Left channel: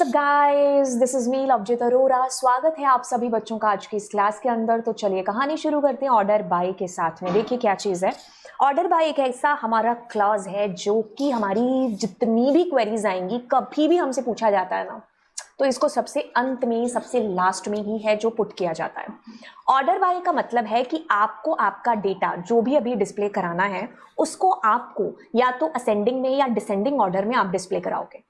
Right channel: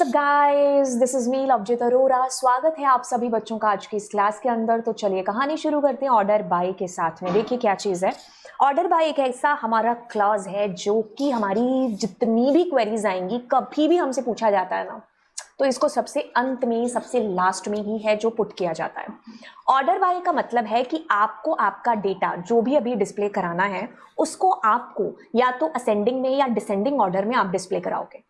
Guys, this is me Lovejeet Arora. स्वागत है आप सभी बच्चों का आज की इस क्लास के अंदर। तो चलिए कहानी शुरू करते हैं ऑर्डर बाय के साथ में। देखिए क्या चीज है। ऑर्डर बाय एक ऐसा हमारा क्लॉज है जो कि हमारी जितनी भी क्वेरीज आएंगी, कभी भी हमसे पूछा जाता है ना, तो इसको सबसे अंत में, सबसे लास्ट में ही है जो पुट किया जाता है। ऑर्डर बाय का मतलब है कि आपको आपका डेटा जो भी अभी डिस्प्ले कराना है, उसको आपको या तो असेंडिंग में या डिसेंडिंग ऑर्डर में आप डिस्प्ले कराओगे।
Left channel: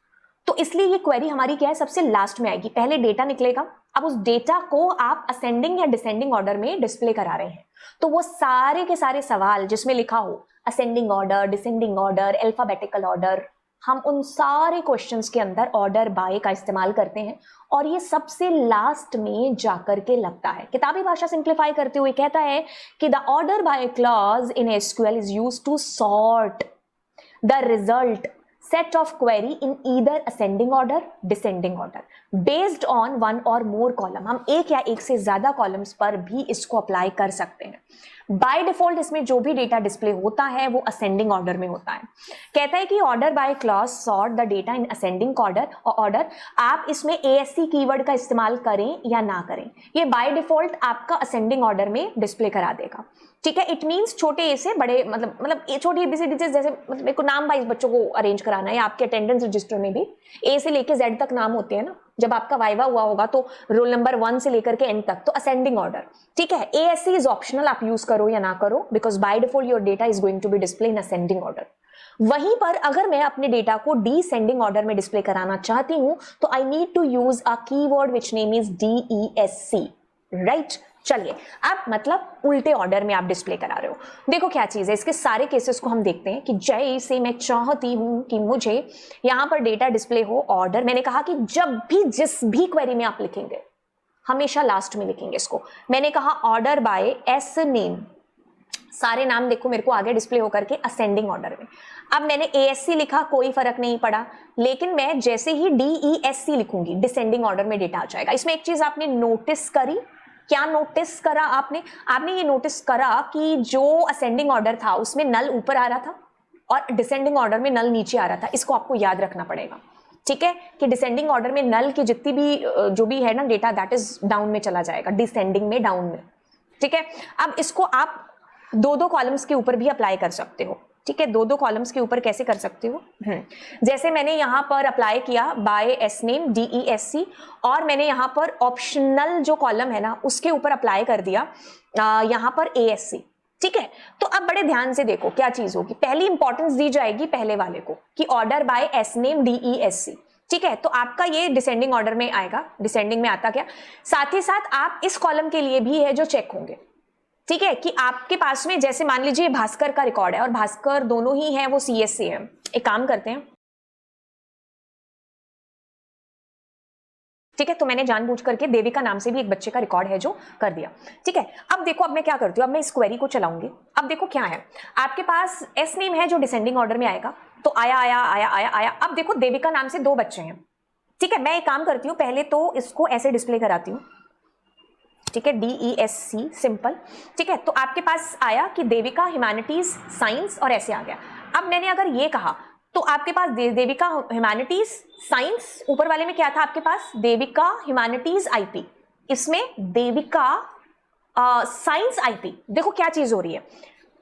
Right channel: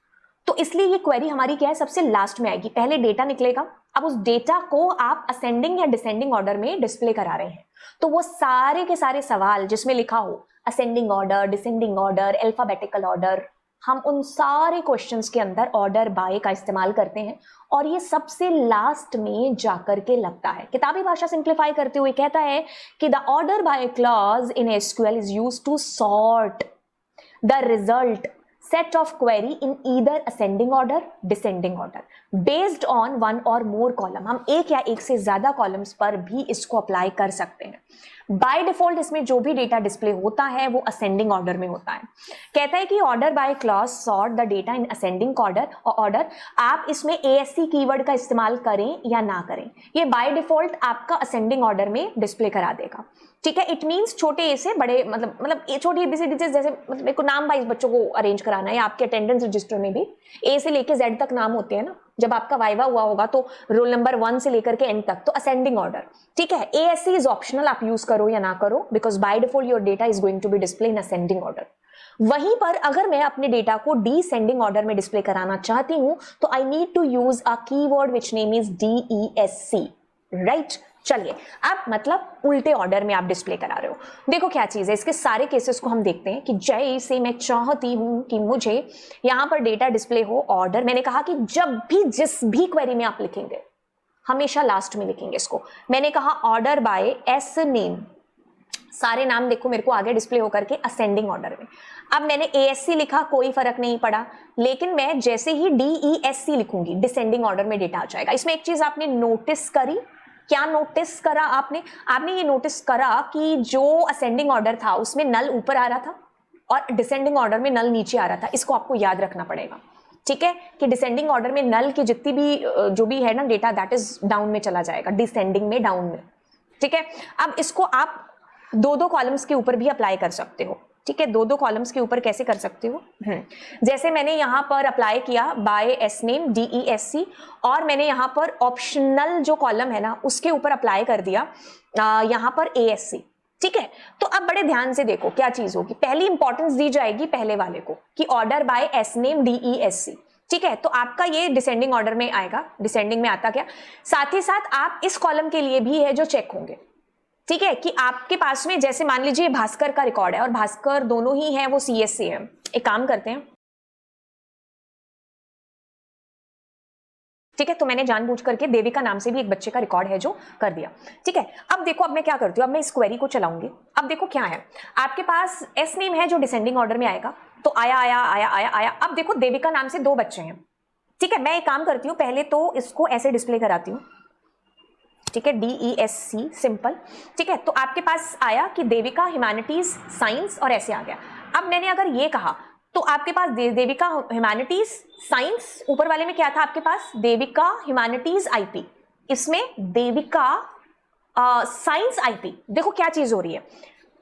तो इसलिए ये क्वेरी हमारी क्या है, सबसे लास्ट में आएगी। पहले डेटा निकलेगा, अब उस डेटा को आप असेंडिंग या डिसेंडिंग ऑर्डर में डिस्प्ले करा रहे हैं। तो वो सारे के सारे सवाल जिसमें लिखा हो ascending order, descending order, alphabetical order, हम उन सारे क्वेश्चंस के अंदर ऑर्डर बाय का इस्तेमाल करते हैं। और ये सबसे लास्ट में जाकर के लगता है। किताबी भाषा सिंप्लीफाई करते हुए कहता है कि the order by clause in SQL is used to sort the result set of query in either ascending order, descending order based on one or more column। हम एक या एक से ज्यादा कॉलम्स पर भी इसको अप्लाई कर सकते हैं। बाय डिफॉल्ट इसमें जो भी डेटा डिस्प्ले होता है वो असेंडिंग ऑर्डर में होता है। कहता है कि order by clause sort the data in ascending order. आप इसमें ASC कीवर्ड का इस्तेमाल करें या ना करें, ये बाय डिफॉल्ट आपका असेंडिंग ऑर्डर में डिस्प्ले करा देगा। ठीक है, इट मींस छोटे ए से बड़े, मतलब ए छोटी ABCD जैसे, मतलब मेरे को नाम वाइज बच्चों को अरेंज कराना है। आपके अटेंडेंस रजिस्टर में भी ए से लेके जेड तक नाम होते हैं ना। जब आपका वाइवा हुआ होगा तो रोल नंबर 1 से लेकर के एंड तक, तो असेंडिंग ऑर्डर। ठीक है, ASC इज ऑप्शनल, आप यूज करो या ना करो, because by default your data is going to be display in ascending order. वहीं पर अगर मैं अपने डेटा को डिसेंडिंग ऑर्डर में डिस्प्ले कराना चाहती हूं तो I need to use a keyword which name is DESC, right. चलिए, आप मतलब उल्टे ऑर्डर में आप डिस्प्ले करा रहे हो। देखो क्या चीज है, इसके सारे केसेस को हम देखते हैं कि जैसे मैं चाहती हूं कि मुझे यहां पर डेटा डिस्प्ले हो ऑर्डर। मैंने कहा कि जब भी जिस भी क्वेरी में आप लिखेंगे हमेशा लास्ट में लिखेंगे इसको। मैंने कहा ऑर्डर बाय एस नेम, सारे नाम देखो मेरे को आगे डिस्प्ले होकर के असेंडिंग ऑर्डर में। अब मैंने ASC लिखा, कोई फर्क नहीं पड़ा, लेकिन मैं जैसे ही DESC लिखूंगी डिसेंडिंग ऑर्डर में डेटा आ जाएगा। इसमें एक चीज आपने नोटिस करी, क्या नोटिस करा आपने ये नोटिस करा कि जो असेंडिंग ऑर्डर था उसमें नल ऊपर आ रहा था और डिसेंडिंग ऑर्डर में नल नीचे आ रहा था। इसको आपको याद रखना पड़ेगा। ठीक है, कि डिसेंडिंग ऑर्डर में नल की जितनी भी जो भी है ना डेटा, दैट इज डाउन में चला जाएगा, डिसेंडिंग में डाउन में। ठीक है, अब इसको आप दो कॉलम्स के ऊपर भी अप्लाई कर सकते हो। ठीक है, दो कॉलम्स के ऊपर कैसे कर सकते हो, जैसे मैंने यहां पर अप्लाई किया बाय एस नेम DESC, और मैंने यहां पर ऑप्शनल जो कॉलम है ना उसके ऊपर अप्लाई कर दिया यहां पर ASC। ठीक है, तो अब बड़े ध्यान से देखो क्या चीज होगी। पहली इंपॉर्टेंस दी जाएगी पहले वाले को कि order by S name DESC। ठीक है, तो आपका ये डिसेंडिंग ऑर्डर में आएगा। डिसेंडिंग में आता क्या, साथ ही साथ आप इस कॉलम के लिए भी है जो चेक होंगे। ठीक है, कि आपके पास में जैसे मान लीजिए भास्कर का रिकॉर्ड है और भास्कर दोनों ही हैं वो CS से हैं। एक काम करते हैं, ठीक है, तो मैंने जानबूझ करके देविका नाम से भी एक बच्चे का रिकॉर्ड है जो कर दिया। ठीक है, अब देखो अब मैं क्या करती हूँ, अब मैं इस क्वेरी को चलाऊंगी। अब देखो क्या है, आपके पास एस नेम है जो डिसेंडिंग ऑर्डर में आएगा, तो आया आया आया आया आया। अब देखो देविका नाम से 2 बच्चे हैं। ठीक है, मैं एक काम करती हूँ, पहले तो इसको ऐसे डिस्प्ले कराती हूँ। ठीक है, DESC सिंपल। ठीक है, तो आपके पास आया कि देविका ह्यूमैनिटीज साइंस और ऐसे आ गया। अब मैंने अगर ये कहा तो आपके पास देविका ह्यूमैनिटीज साइंस, ऊपर वाले में क्या था आपके पास, देविका ह्यूमैनिटीज IP, इसमें देविका साइंस IP। देखो क्या चीज हो रही है,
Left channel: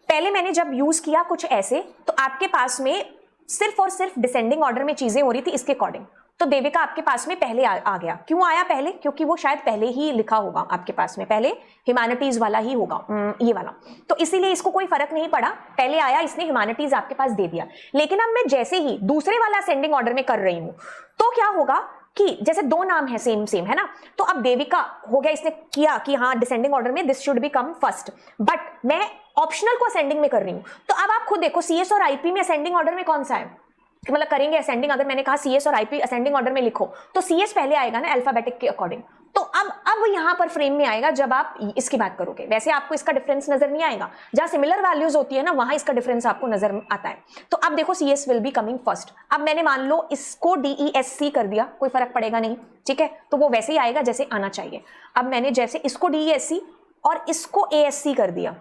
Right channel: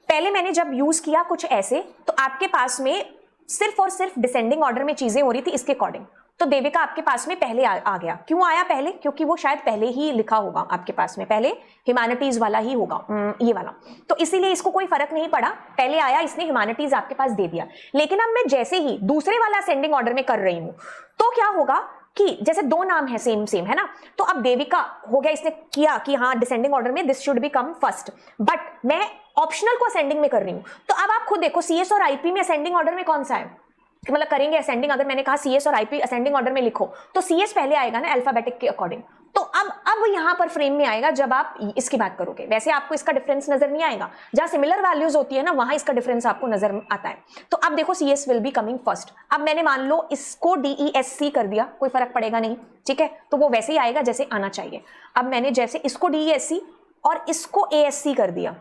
पहले मैंने जब यूज किया कुछ ऐसे, तो आपके पास में सिर्फ और सिर्फ डिसेंडिंग ऑर्डर में चीजें हो रही थी इसके अकॉर्डिंग। तो देविका आपके पास में पहले आ गया। क्यों आया पहले, क्योंकि वो शायद पहले ही लिखा होगा आपके पास में, पहले ह्यूमैनिटीज वाला ही होगा, ये वाला। तो इसीलिए इसको कोई फर्क नहीं पड़ा, पहले आया, इसने ह्यूमैनिटीज आपके पास दे दिया। लेकिन अब मैं जैसे ही दूसरे वाला असेंडिंग ऑर्डर में कर रही हूं तो क्या होगा कि जैसे 2 नाम है सेम है ना, तो अब देविका हो गया, इसने किया कि हाँ डिसेंडिंग ऑर्डर में this should be come first, but मैं ऑप्शनल को असेंडिंग में कर रही हूं। तो अब आप खुद देखो CS और IP में असेंडिंग ऑर्डर में कौन सा है, मतलब करेंगे असेंडिंग। अगर मैंने कहा CS और IP असेंडिंग ऑर्डर में लिखो तो CS पहले आएगा ना अल्फाबेटिक के अकॉर्डिंग। तो अब यहां पर फ्रेम में आएगा जब आप इसकी बात करोगे। वैसे आपको इसका डिफरेंस नजर नहीं आएगा, जहां सिमिलर वैल्यूज होती है ना वहां इसका डिफरेंस आपको नजर आता है। तो अब देखो CS will be coming first. अब मैंने मान लो इसको DESC कर दिया, कोई फर्क पड़ेगा नहीं। ठीक है, तो वो वैसे ही आएगा जैसे आना चाहिए। अब मैंने जैसे इसको DESC और इसको ASC कर दिया।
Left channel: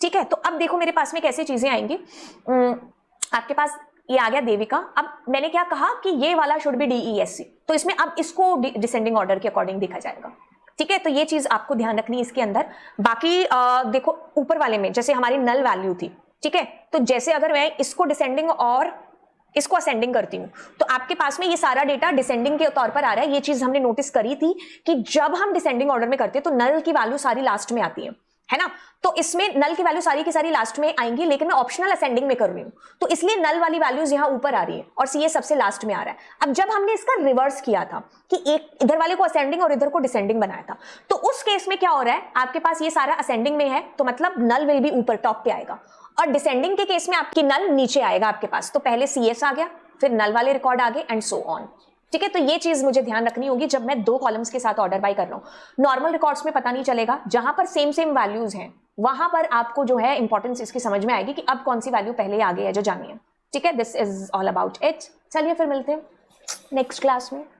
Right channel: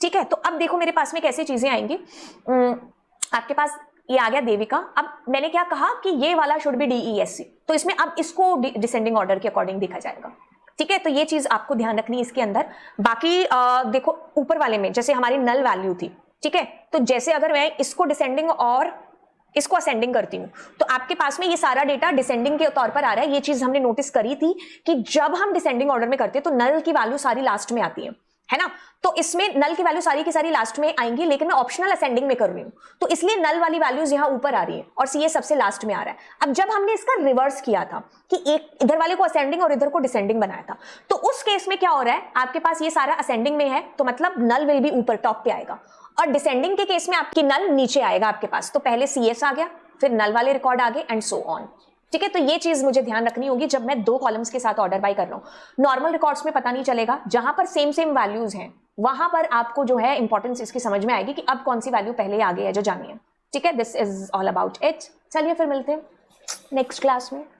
ठीक है, तो अब देखो मेरे पास में कैसे चीजें आएंगी। आपके पास ये आ गया देविका। अब मैंने क्या कहा कि ये वाला शुड बी DESC। तो इसमें अब इसको डिसेंडिंग ऑर्डर के अकॉर्डिंग देखा जाएगा। ठीक है, तो ये चीज आपको ध्यान रखनी है इसके अंदर। बाकी देखो ऊपर वाले में जैसे हमारी नल वैल्यू थी, ठीक है, तो जैसे अगर मैं इसको डिसेंडिंग और इसको असेंडिंग करती हूँ तो आपके पास में ये सारा डेटा डिसेंडिंग के तौर पर आ रहा है। ये चीज हमने नोटिस करी थी कि जब हम डिसेंडिंग ऑर्डर में करते हैं तो नल की वैल्यू सारी लास्ट में आती है ना। तो इसमें नल की वैल्यू सारी की सारी लास्ट में आएंगी, लेकिन मैं ऑप्शनल असेंडिंग में कर रही हूँ, तो इसलिए नल वाली वैल्यूज यहाँ ऊपर आ रही है और सी सबसे लास्ट में आ रहा है। अब जब हमने इसका रिवर्स किया था कि एक इधर वाले को असेंडिंग और इधर को डिसेंडिंग बनाया था, तो उस केस में क्या हो रहा है, आपके पास ये सारा असेंडिंग में है तो मतलब नल विल भी ऊपर टॉप पे आएगा, और डिसेंडिंग के केस में आपकी नल नीचे आएगा आपके पास। तो पहले CS आ गया, फिर नल वाले रिकॉर्ड आ गए एंड सो ऑन। ठीक है, तो ये चीज मुझे ध्यान रखनी होगी जब मैं 2 कॉलम्स के साथ ऑर्डर बाय कर रहा हूँ। नॉर्मल रिकॉर्ड्स में पता नहीं चलेगा, जहां पर सेम सेम वैल्यूज हैं वहां पर आपको जो है इंपॉर्टेंस इसकी समझ में आएगी कि अब कौन सी वैल्यू पहले आ गई है जो जाननी है। ठीक है, this is all about it. चलिए फिर मिलते हैं नेक्स्ट क्लास में।